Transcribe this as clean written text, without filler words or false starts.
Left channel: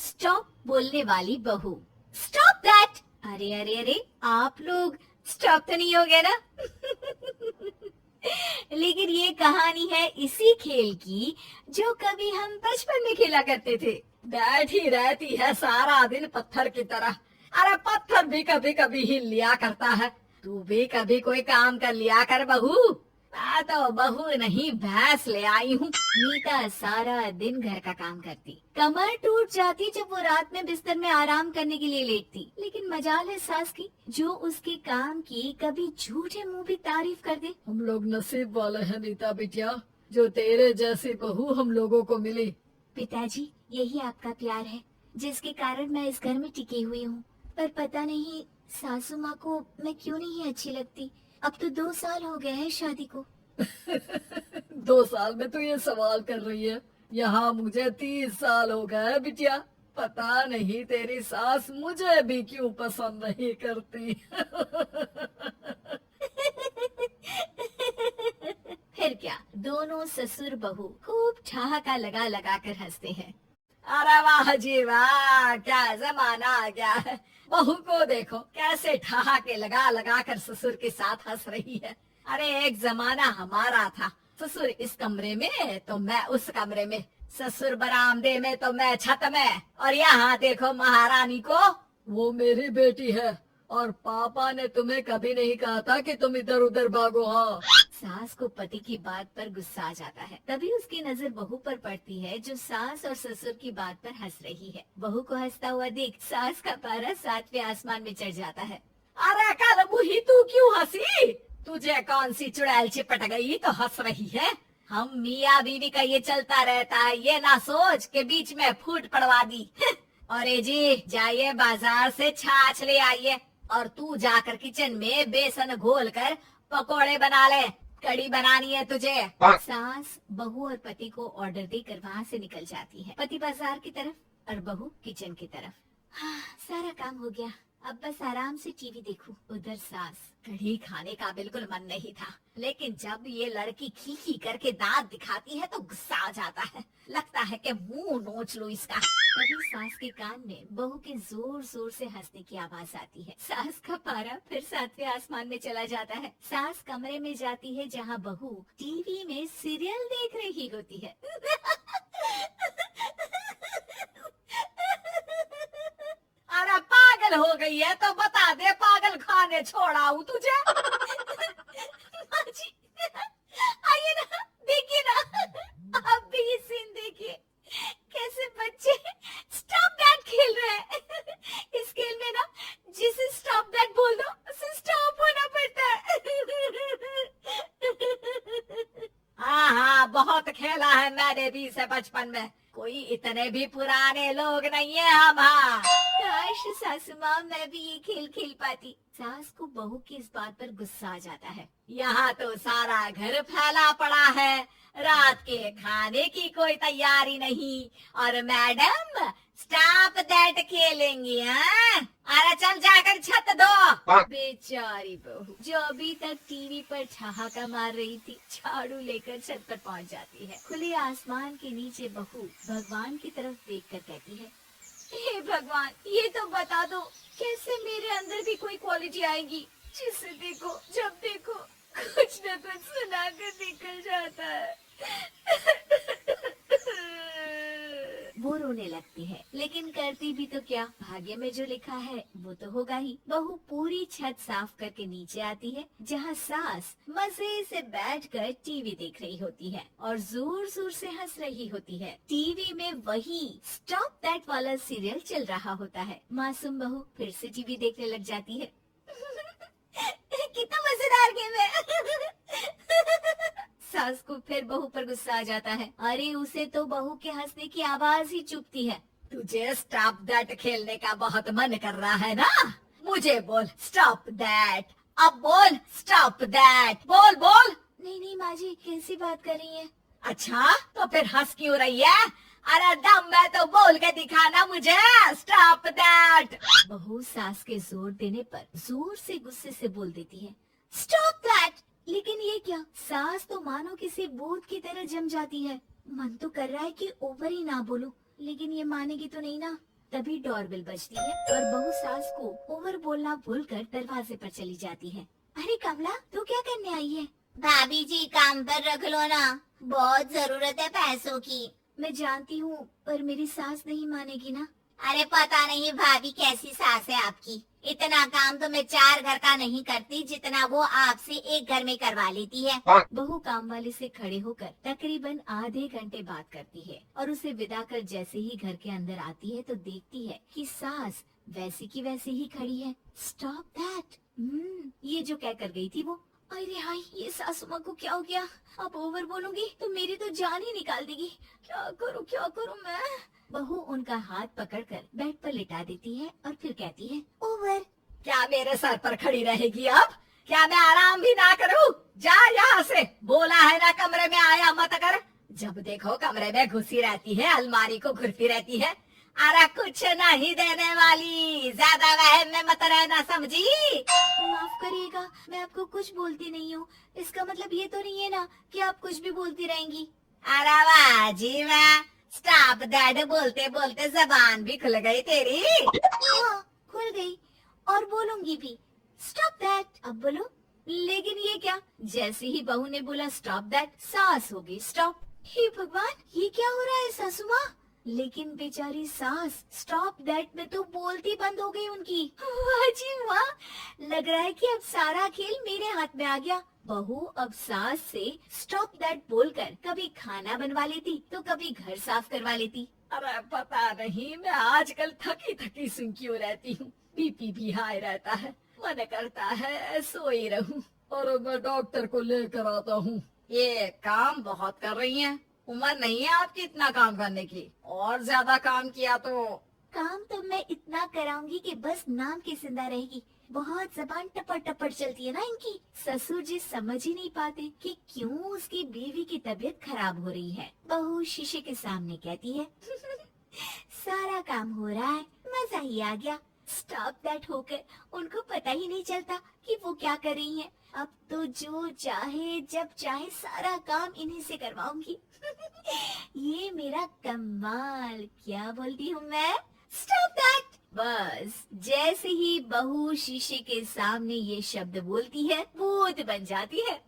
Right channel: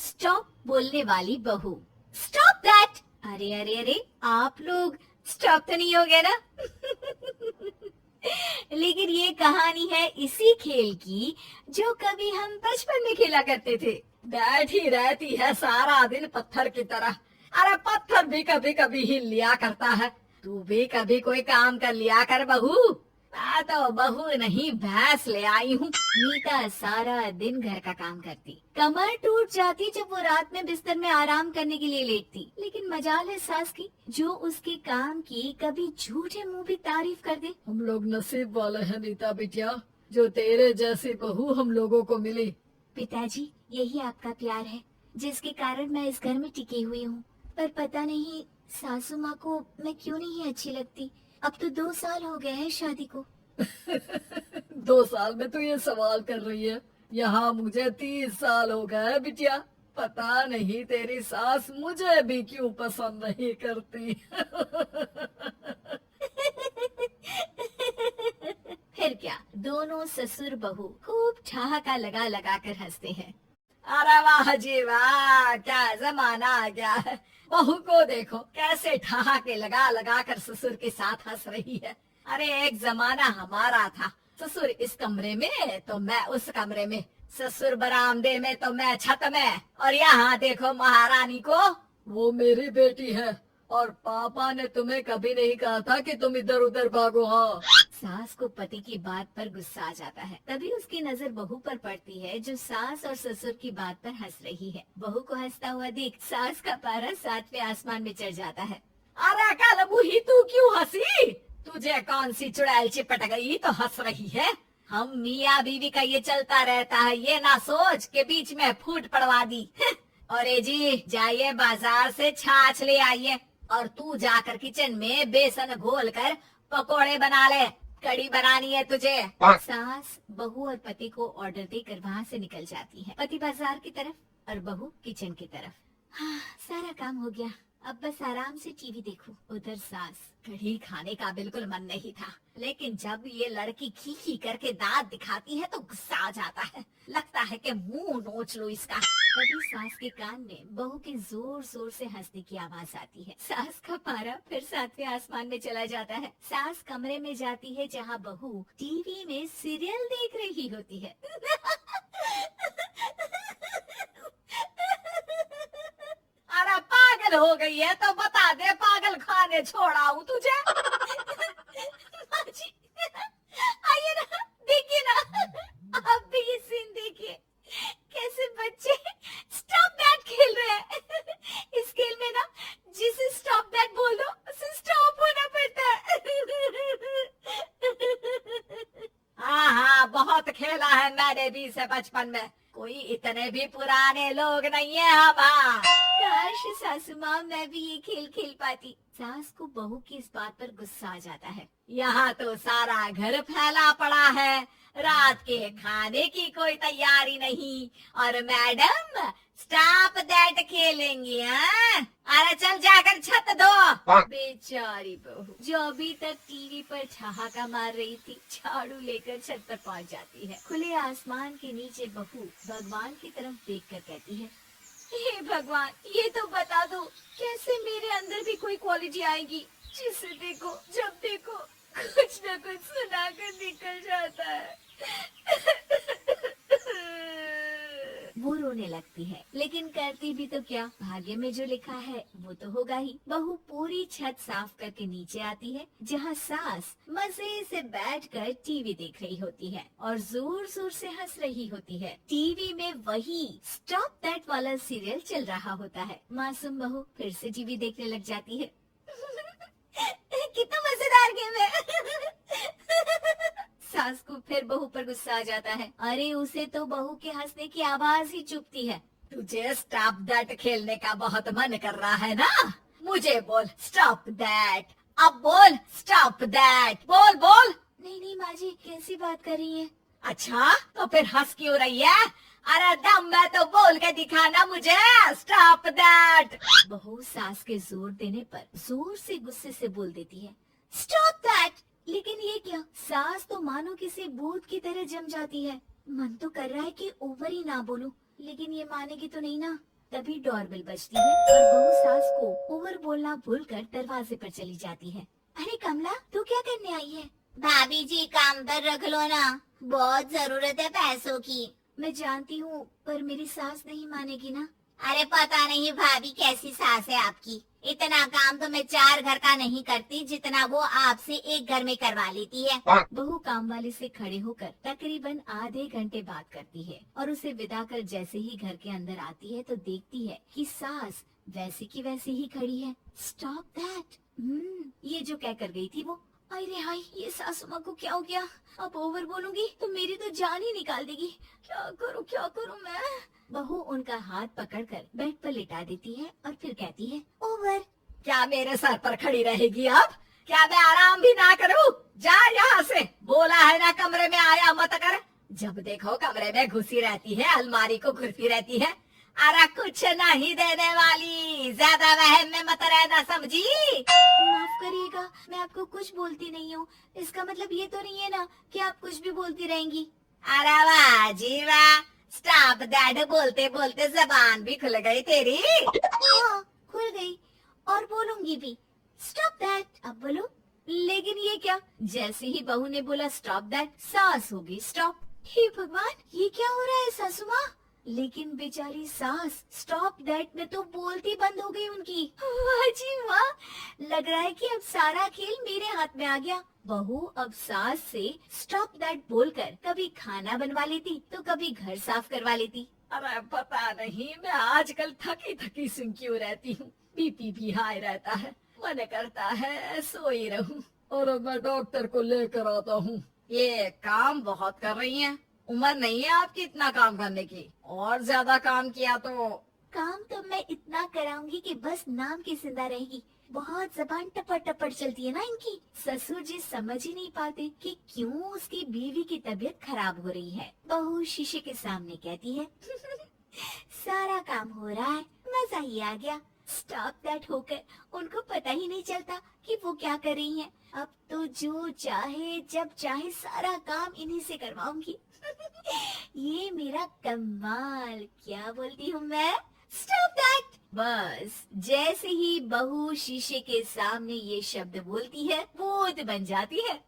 Stop बोलने वाली बहू। Stop that. अरे अरे अरे, आप लोग स्टॉप तो नहीं हो गए ना? लेकिन ये कहानी है इसी खेल की जो कभी हम बचपन में खेला करते थे। बैठी रहती है सारा दिन पत्थर की तरह। अरे पत्थर भी कभी कभी हिल लिया करता है। तू भी कभी कोई काम कर लिया कर बहू। मैं तो बहू नहीं भैंस ले आई हूँ। नीता सारा दिन घर का काम करती, कमर टूट जाती जब वो रात में बिस्तर में आराम करने के लिए लेटती। लेकिन मजाल है सास की जो उसके काम की कभी झूठे मुंह भी तारीफ कर दे। हम लोग नसीब वाले हैं नीता बिटिया, जो तेरे जैसी बहू हम लोगों को मिली। पिताजी, यही आपका प्यार है जिसके कारण मैं इस घर में टिकी हुई हूँ। पर पता नहीं सासू माँ को मैं क्यों नहीं अच्छी लगती। अब तो 2 साल हो गए हैं शादी को। 2 साल में तू ये सवाल कर रही है? यहाँ मुझे 30 साल हो गए बिटिया। पता नहीं तेरी सास मुझे भी क्यों पसंद नहीं करती। फिर क्या, दोनों ससुर बहू खूब ठहाका लगा लगा कर हंसते हैं। अरे वाह जी वाह, क्या जमाना आ गया है। बहू को देखो कैसे ठहाके लगा लगा कर ससुर के साथ हंस रही है। अरे एक जमाना हमारा था, ससुर इस कमरे में तो मैं उस कमरे में, ससुर बरामदे में तो मैं छत में। और यहाँ देखो महारानी को, वो मेरी बेटी है और पापा ने तुम्हें कभी नहीं कहा था कि तुम इधर उधर भागो। हाँ, सास को पति की बात पर गुस्सा आ जाता है। तभी उसकी नजर बहू पर पड़ती है जो सास और ससुर की बात पर हंस रही है। बहू को हंसता हुआ देख सास का पारा 7वें आसमान में चढ़ जाता है। अरे कल बुही तू क्यों हंसी? तुझे कौन सी चुड़ैल चिपट गई तो हंस रही है? हम मियाँ बीवी का ये चलता रहता है, ये ना सोच के बीच में फूट पड़वा दी। अरे जी जाइए बाजार से छाछ ले आइए और तू जाकर किचन में बेसन घोल कर पकोड़े बना ले, कड़ी बनानी है तुझे। सास बहू और पति को ऑर्डर देकर वहाँ से निकल जाती है। पति बाजार की तरफ और बहू किचन की तरफ। हाँ, सारा काम हो गया, अब बस आराम से टीवी देखूं। उधर सास, कढ़ी खाने का बिल्कुल मन नहीं था, लेकिन जब ये लड़की खी खी करके दांत दिखाती है तो गुस्सा आ जाता है। लगता है कि मुंह नोच लो इसका। तभी सास के कान में बहू के जोर जोर से हंसने की आवाज आती है। सास का पारा फिर 7वें आसमान में चला जाता है। सास कमरे में जाती है जहाँ बहू टीवी में सीरियल देख रही होती है। अरे पागल हो गई है तो बता दे, पागल खाने छोड़ाऊं तुझे? माँ जी, आइए ना, देखिए ना, आप भी ये सीन देखिए, कैसे बच्चे स्टॉप दैट खेल रहे हैं। इस खेल में ना जिसे स्टॉप दैट बोल दो उसे स्टॉप होना पड़ता है। हाँ हाँ, बहुत खेला है मैंने भी इसे बचपन में। कोई इतने भी पुराने लोग नहीं है हम। हाँ, काश सासू माँ मैं भी ये खेल खेल पाती। सास को बहू की इस बात पर गुस्सा आ जाता है। यहाँ तो सारा घर फैला पड़ा है, रात के खाने की कोई तैयारी नहीं, और मैडम स्टॉप दैट खेलेंगी। हाँ, अरे चल जाकर छत दो। बेचारी बहू जो अभी तक टीवी पर ठहाका मार रही थी, झाड़ू लेकर छत पर पहुंच जाती है। खुले आसमान के नीचे बहू भगवान की तरफ देखकर कहती है, हे भगवान, ये तो बता दो कैसे मेरे अंदर भी कोई क्वालिटी आएगी जिसे देखो जब देखो कुछ न कुछ सुनाकर निकल जाता है। वो रोने लगती है, लेकिन करती भी तो क्या, भाग्य में जो लिखा है वो तो होगा ही। बहू पूरी छत साफ करके नीचे आती है जहाँ सास मजे से बैठकर टीवी देख रही होती है और जोर जोर से हंस रही होती है। टीवी में वही स्टॉप दैट वाला सीरियल चल रहा होता है। मासूम बहू फिर से टीवी देखने लग जाती है। कितना मजेदार गेम है। सास को फिर बहू पर गुस्सा आ जाता है। अरे उसे तो बहू के हंसने की आवाज ही चुभती है। तुझे स्टॉप दैट खेलने का बहुत मन कर रहा है ना? मुझे बोल स्टॉप दैट, अब बोल स्टॉप दैट, बोल बोल। नहीं नहीं माँ जी, कैसी बात कर रही हैं? अच्छा तो फिर हंस क्यों रही है? अरे दम है तो बोल के दिखाना मुझे स्टॉप दैट। बहू सास के जोर देने पर जोर से गुस्से से बोल देती है, स्टॉप दैट। लेकिन ये क्या, सास तो मानो किसी भूत की तरह जम जाती है। मन तो कर रहा है कि ओवर ही ना बोलूं, लेकिन ये मानेगी तो नहीं ना। तभी डोरबेल बजती है और बहू सास को ओवर बोलना भूलकर दरवाजे पर चली जाती है। अरे कमला, तू क्या करने आई है? भाभी जी काम पर रख लो ना, बहुत जरूरत है पैसों की। मैं जानती हूँ, पर मेरी सास नहीं मानेगी ना। अरे पता नहीं भाभी कैसी सास है आपकी, इतना काम तो मैं 4 घर का नहीं करती जितना वो आपसे एक घर में करवा लेती है। बहू काम वाले से खड़े होकर तकरीबन आधे घंटे बात करती है और उसे विदा कर जैसे ही घर के अंदर आती है तो देखती है कि सास वैसी की वैसी ही खड़ी है। Stop that. ये जो कह कर गई थी वो। अरे हाय, ये सासू माँ को क्या हो गया? अब ओवर बोलूंगी तो मेरी तो जान ही निकाल देगी। क्या करूँ मैं? बहू उनका हाथ पकड़कर बेड पर लिटा देती है और फिर कहती है, ओवर। क्या मेरे सर पर खड़ी रहेगी अब? क्या मैं आराम भी ना करूं? जा यहाँ से, बोला है ना कमरे में आया मत कर। जब देखो कमरे में घुसी रहती है, अलमारी को घुरती रहती है। अरे कुछ नहीं देने वाली, ज्यादा वहम में मत रहना समझी। माफ करिएगा, मैं आपको कुछ बोलती नहीं हूँ। इसका मतलब ये तो नहीं है ना कि आप कुछ भी बोलती रहेंगी। अरे वाह जी वाह, स्टॉप दैट बोलते बोलते जबान भी खुल गई तेरी। हाँ, खुल गई और बोलूंगी भी। Stop that. अब बोलो। लेकिन ये क्या? जैसे ही बहू ने बोला स्टॉप दैट, सास हो गई स्टॉप। हे भगवान, ये क्या हो रहा है सासू माँ? लेकिन बेचारी सास स्टॉप दैट में तो बोलती बंद हो गई उनकी। वाह जी वाह, लग रहा है कि अब सारा खेल मेरे हाथ में आ गया। बहू अब सास से स्टॉप दैट बोलकर कभी खाना बनवा लेती तो कभी घर साफ करवा लेती। अरे पता नहीं, मैं आजकल थकी थकी सी क्यों रहती हूँ। बीपी भी हाई रहता है, मन करता है सोई रहूं। और मैं डॉक्टर को लेकर आता हूँ। ये काम बहुत कर रही हैं, उम्र नहीं है आपकी इतना काम करने की। और ज्यादा काम किया तो काम तो मैं इतना कराऊंगी कि बस नाम की जिंदा रहेगी। बहुत जबान टपट टपट चलती है ना इनकी। ससुर जी समझ ही नहीं पाते कि क्यों उसकी बीवी की तबीयत खराब हो रही है। बहू शीशे के सामने कहती है, सारा काम हो रहा है, मजा ही आ गया। स्टॉप दैट होकर उनको पता ही नहीं चलता कि वो क्या कर रही हैं। अब तो जो चाहे जब चाहे सारा काम इन्हीं से करवाऊंगी। ये मेरा कमाल। क्या बोलती हूँ मैं? Stop that. बस जैसे ही बहू शीशे के सामने ये शब्द बोलती है, भूत बन जाती है।